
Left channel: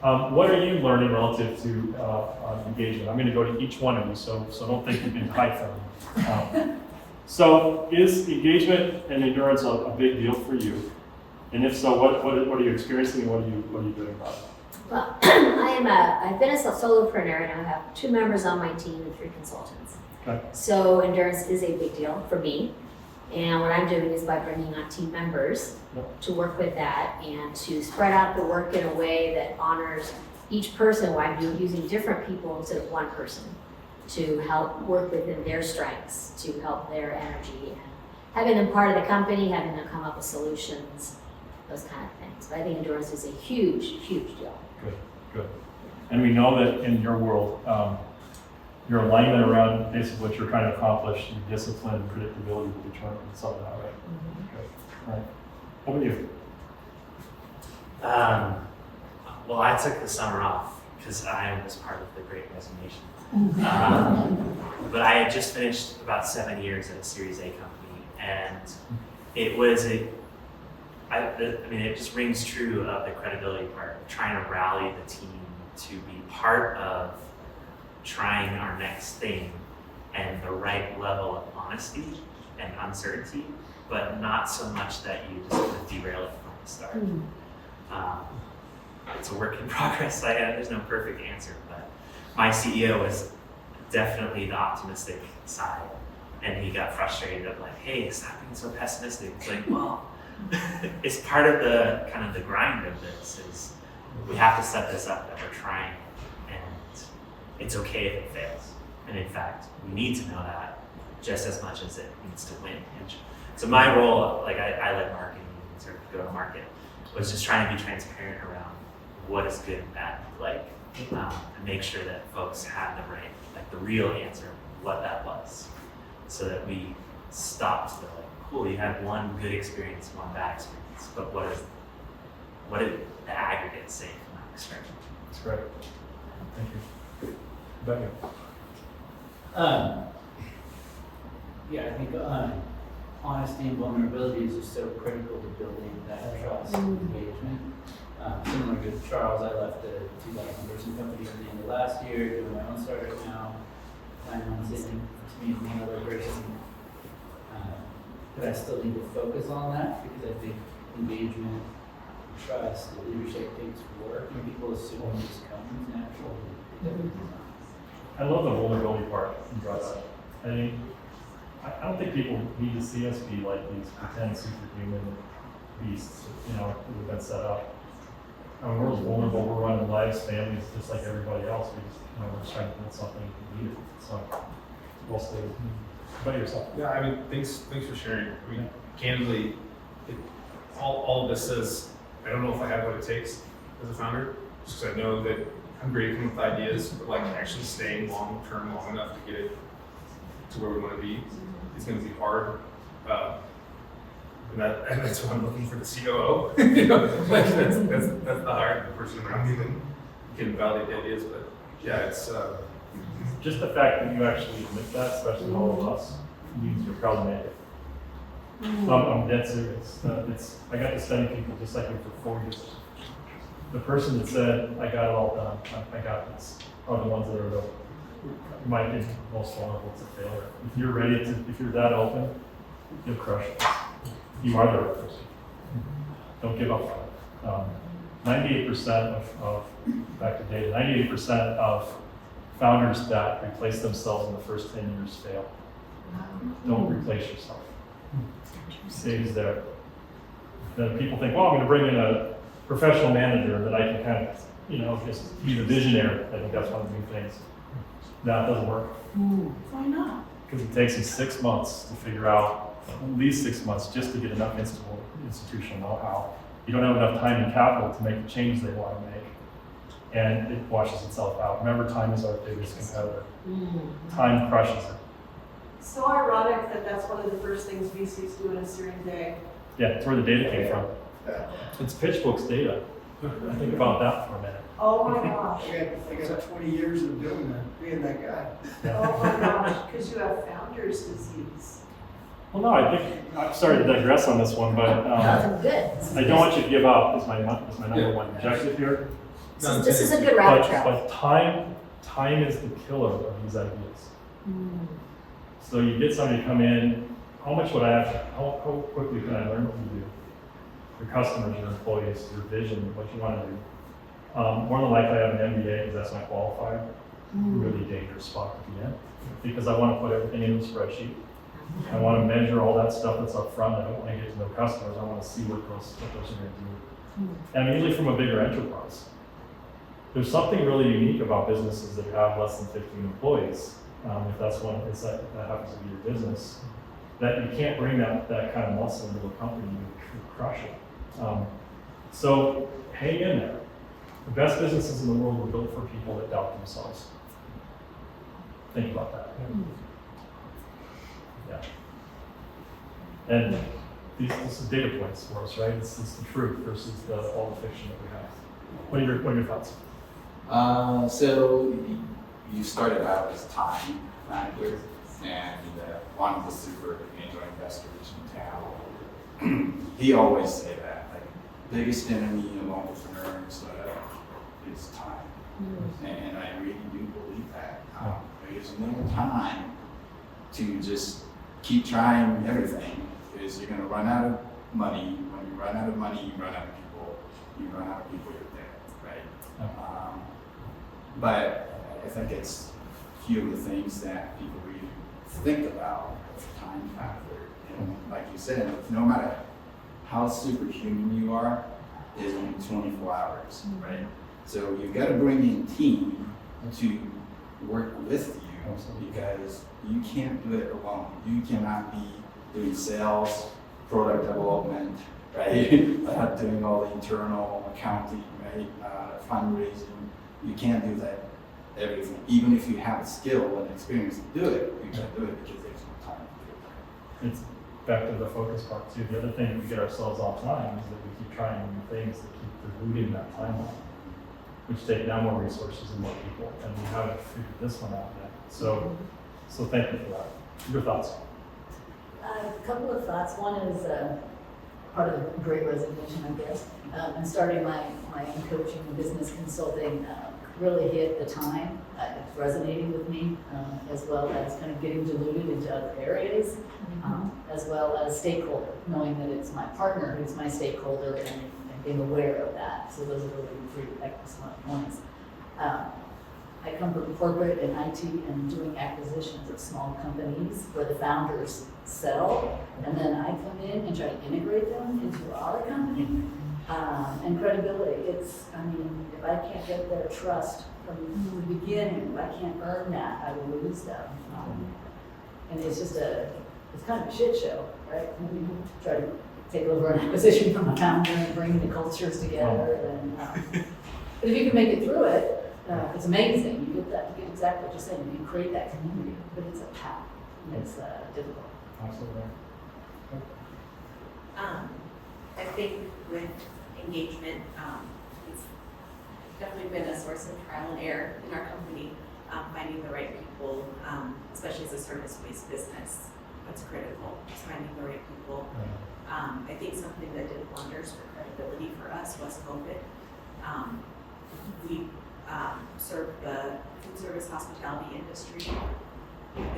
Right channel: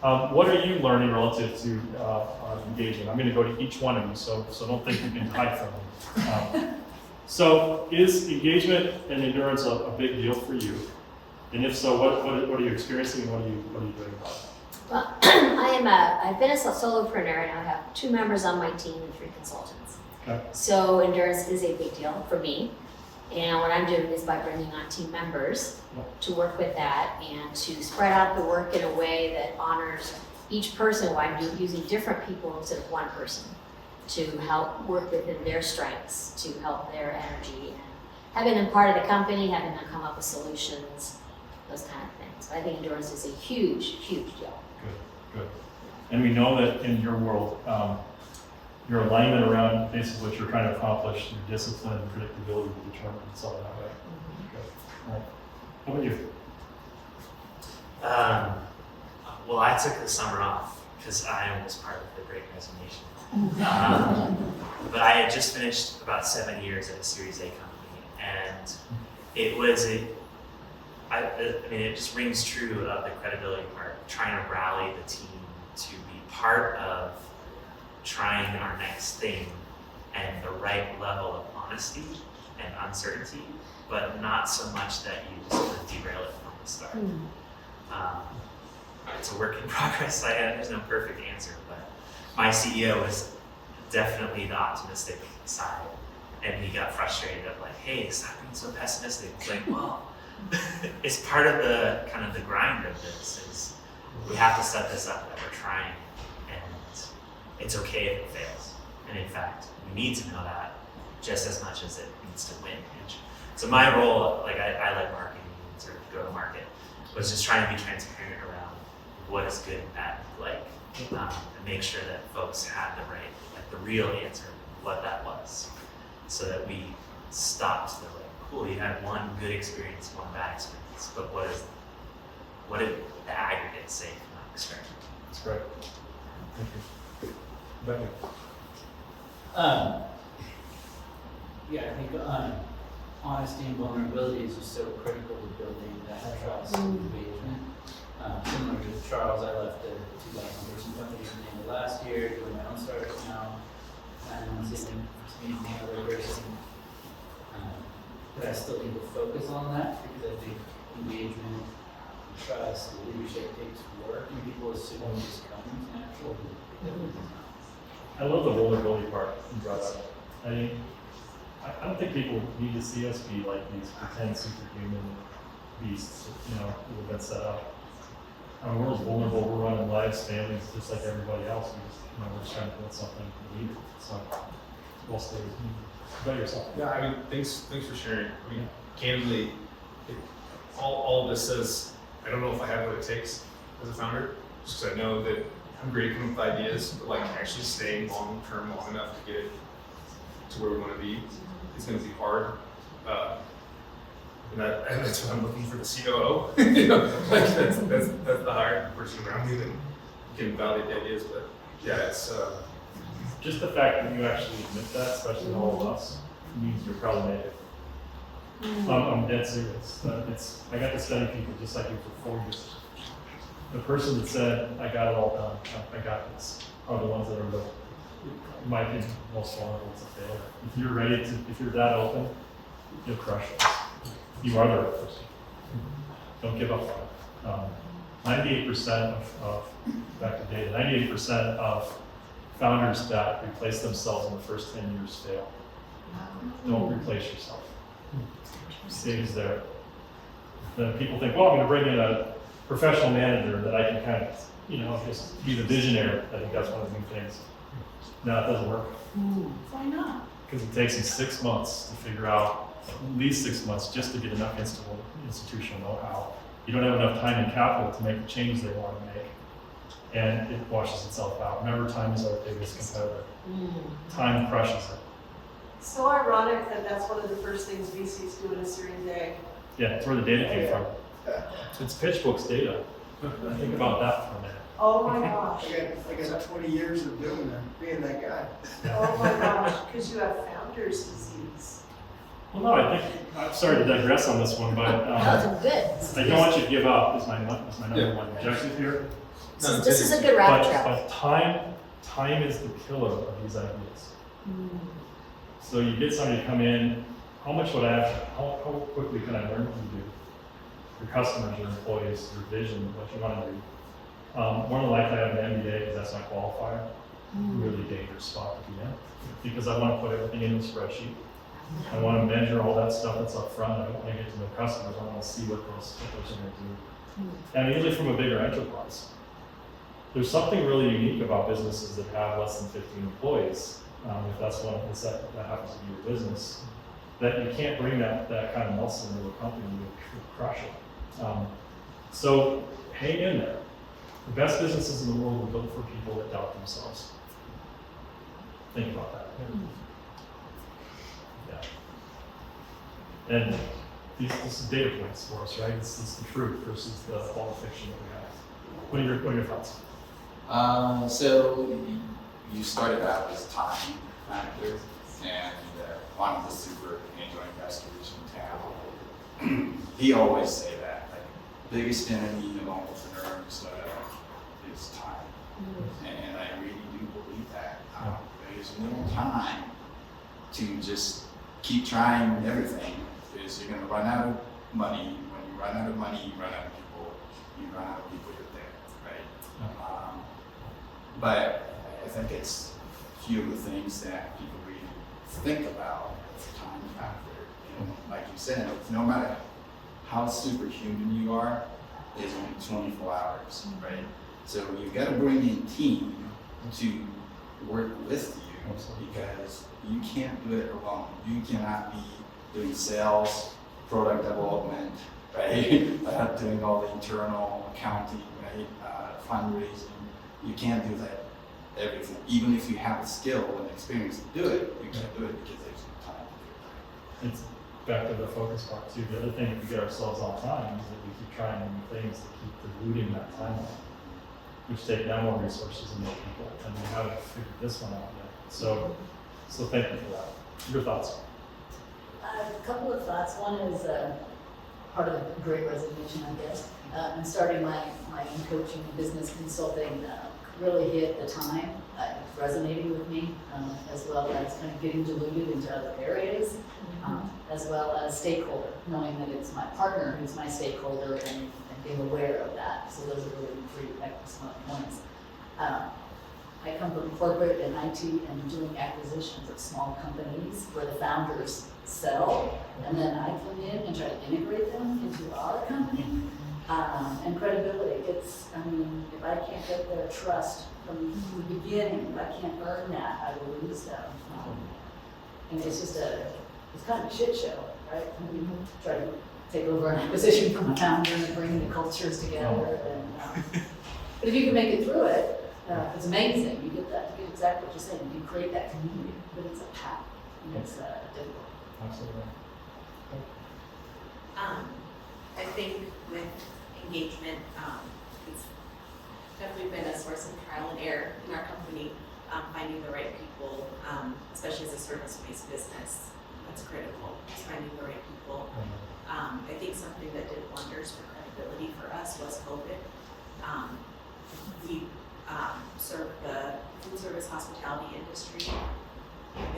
What are you learning relative to engaging? I'm going to go to each one of you, so don't think you can hide from me. So is engagement and endurance a big deal for you? And if so, what are you experiencing and what are you doing about it? Well, I've been a solopreneur and I have 2 members on my team and 3 consultants. Okay. So endurance is a big deal for me. And what I'm doing is by bringing on team members to work with that and to spread out the work in a way that honors each person while I'm using different people instead of one person to help work within their strengths, to help their energy, and having them part of the company, having them come up with solutions, those kind of things. But I think endurance is a huge, huge deal. Good. And we know that in your world, your alignment around basically what you're trying to accomplish, your discipline and predictability will determine some of that, right? Good. All right. How about you? Well, I took the summer off because I was part of the Great Resignation. But I had just finished about 7 years at a Series A company, and it was I mean, it just rings true of the credibility part, trying to rally the team to be part of trying our next thing and the right level of honesty and uncertainty, but not so much that you just sort of derail it from the start. It's a work in progress. There's no perfect answer, but my CEO was definitely the optimistic side, and he got frustrated of like, hey, stop being so pessimistic. It's like, well, it's part of the kind of the grind of this is we have to set this up that we're trying, and it's okay if it fails. And in fact, we need to know that just as much as it needs to win. And so my role, like I led marketing and sort of go to market, was just trying to be transparent around what is good and bad like, and make sure that folks had the right, like the real answer of what that was, so that we stopped the like, cool, you had one good experience, one bad experience, but what did the aggregate say from that experience? That's great. Thank you. But Yeah, I think honesty and vulnerability is just so critical to building that trust and engagement. Similar to Charles, I left a 2,000-person company at the end of last year, doing my own startup now, planning on sitting to meet another person. But I still need to focus on that because I think engagement, trust, leadership takes work, and people assume it just comes natural. I love the vulnerability part you brought up. I mean, I don't think people need to see us be like these pretend superhuman beasts, you know, who have been set up. We're as vulnerable, we're running lives, families, just like everybody else. We just, you know, we're just trying to build something needed. So, well stated. About yourself. Yeah, I mean, thanks for sharing. I mean, candidly, all of this says, I don't know if I have what it takes as a founder, just because I know that I'm great with ideas, but like actually staying long term long enough to get it to where we want to be is going to be hard. And that's why I'm looking for the COO. You know, like that's the higher person around me that can validate the ideas. But yeah, it's Just the fact that you actually admit that, especially all of us, means you're probably make it. I'm dead serious. I got to study people just like you for 4 years. The person that said, I got it all done, I got this, are the ones that are in my opinion, most vulnerable to failure. If you're ready to, if you're that open, you'll crush it. You are the right person. Don't give up on it. 98% of, back to data, 98% of founders that replace themselves in the first 10 years fail. Don't replace yourself. Stays there. Then people think, well, I'm going to bring in a professional manager and then I can kind of, you know, just be the visionary. I think that's one of the new things. No, it doesn't work. Why not? Because it takes you 6 months to figure out, at least 6 months, just to get enough institutional know-how. You don't have enough time and capital to make the changes they want to make. And it washes itself out. Remember, time is our biggest competitor. Time crushes it. So ironic that that's one of the first things VCs do in Series A. Yeah, it's where the data came from. Yeah. It's PitchBook's data. Think about that for a minute. Oh my gosh. I got 20 years of doing that, being that guy. Oh my gosh, because you have founder's disease. Well, no, I think, I'm sorry to digress on this one, but Good. I don't want you to give up is my number one objective here. This is a good rabbit trail. But time is the killer of these ideas. So you get somebody to come in, how much would I have, how quickly can I learn what you do? Your customers, your employees, your vision, what you want to do. More than likely I have an MBA because that's my qualifier. Really dangerous spot to be in. Because I want to put everything in the spreadsheet. I want to measure all that stuff that's up front. I don't want to get to know customers. I want to see what those are going to do. And usually from a bigger enterprise. There's something really unique about businesses that have less than 15 employees. If that's one, if that happens to be your business, that you can't bring that kind of muscle into a company and crush it. So hang in there. The best businesses in the world were built for people that doubt themselves. Think about that. Yeah. And this is data points for us, right? It's the truth versus all the fiction that we have. What are your thoughts? So you started out as time manager and one of the super angel investors in town. He always say that, like, biggest enemy of entrepreneurs is time. And I really do believe that. There's no time to just keep trying everything, because you're gonna run out of money. When you run out of money, you run out of people. You run out of people, you're dead, right? But I think it's a few of the things that people really think about, the time factor. You know, like you said, no matter how superhuman you are, is only 24 hours, right? So you've got to bring in team to work with you, because you can't do it alone. You cannot be doing sales, product development, right? Doing all the internal accounting, right? Fundraising. You can't do that everything. Even if you have the skill and experience to do it, you can't do it because there's no time to do it. It's back to the focus part too. The other thing we get ourselves off time is that we keep trying new things to keep diluting that timeline, which take down more resources and more people, and we haven't figured this one out yet. So thank you for that. Your thoughts? A couple of thoughts. One is part of the great resignation, I guess. And starting my coaching and business consulting really hit the time. It's resonating with me, as well as kind of getting diluted into other areas, as well as stakeholder, knowing that it's my partner who's my stakeholder and being aware of that. So those are really three excellent points. I come from corporate and IT and doing acquisitions of small companies where the founders sell, and then I come in and try to integrate them into our company. And credibility, if I can't get their trust from the beginning, if I can't earn that, I will lose them. And it's just it's kind of a shit show, right? When you try to take over an acquisition from a founder and bring the cultures together. And, but if you can make it through it, it's amazing. You get exactly what you're saying. You create that community, but it's a path, and it's difficult. Absolutely. I think with engagement, it's definitely been a source of trial and error in our company, finding the right people, especially as a service-based business. That's critical, is finding the right people. I think something that did wonders for credibility for us was COVID. We serve the food service hospitality industry.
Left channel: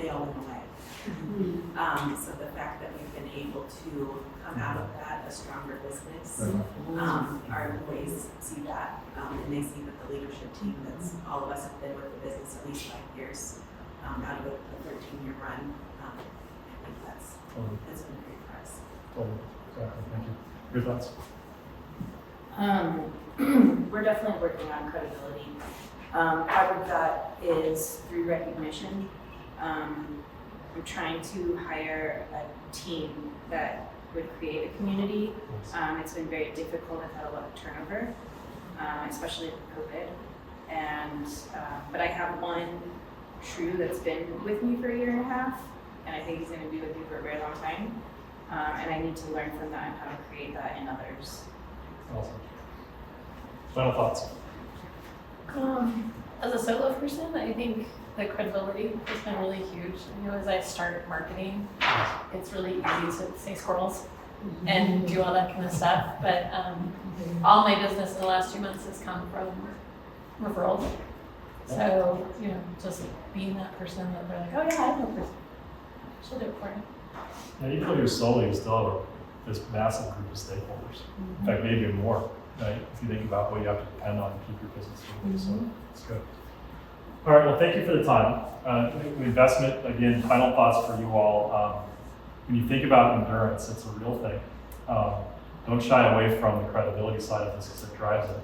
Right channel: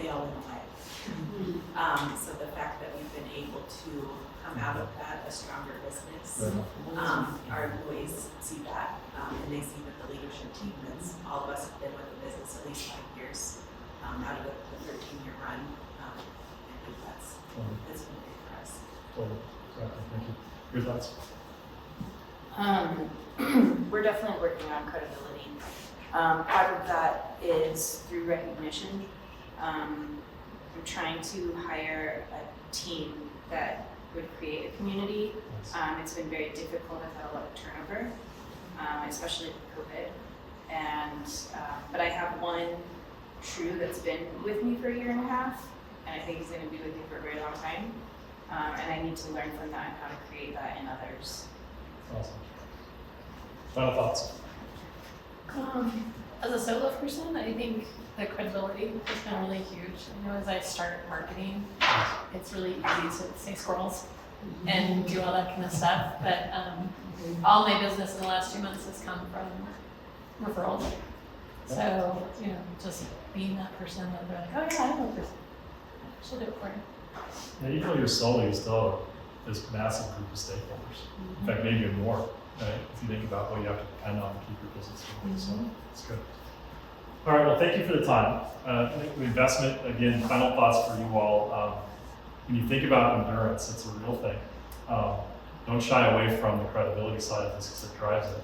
They all went away. So the fact that we've been able to come out of that a stronger business, our employees see that, and they see that the leadership team that's all of us have been with the business at least 5 years, out of the 13-year run. I think that's been great for us. Totally. Exactly. Thank you. Your thoughts? We're definitely working on credibility. Part of that is through recognition. We're trying to hire a team that would create a community. It's been very difficult. I've had a lot of turnover, especially with COVID. And but I have one true that's been with me for a year and a half, and I think he's going to be with me for a very long time. And I need to learn from that and how to create that in others. Awesome. Final thoughts? As a solo person, I think the credibility has been really huge. I know as I started marketing, it's really easy to say squirrels and do all that kind of stuff. But all my business in the last 2 months has come from referrals. So, just being that person that they're like, oh yeah, I know a person. She'll do it for you. Now, even though you're solo, you still have this massive group of stakeholders. In fact, maybe even more, right? If you think about what you have to depend on to keep your business moving. So it's good. All right, well, thank you for the time. Investment, again, final thoughts for you all. When you think about endurance, it's a real thing. Don't shy away from the credibility side of this because it drives it.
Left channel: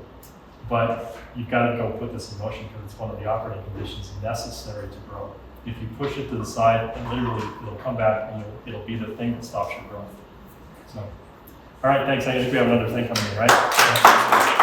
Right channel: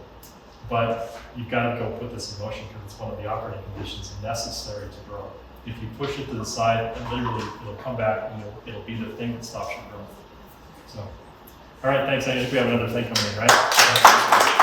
But you've got to go put this in motion because it's one of the operating conditions necessary to grow. If you push it to the side, then literally it'll come back and it'll be the thing that stops your growth. So, all right, thanks. I think we have another thing coming in, right?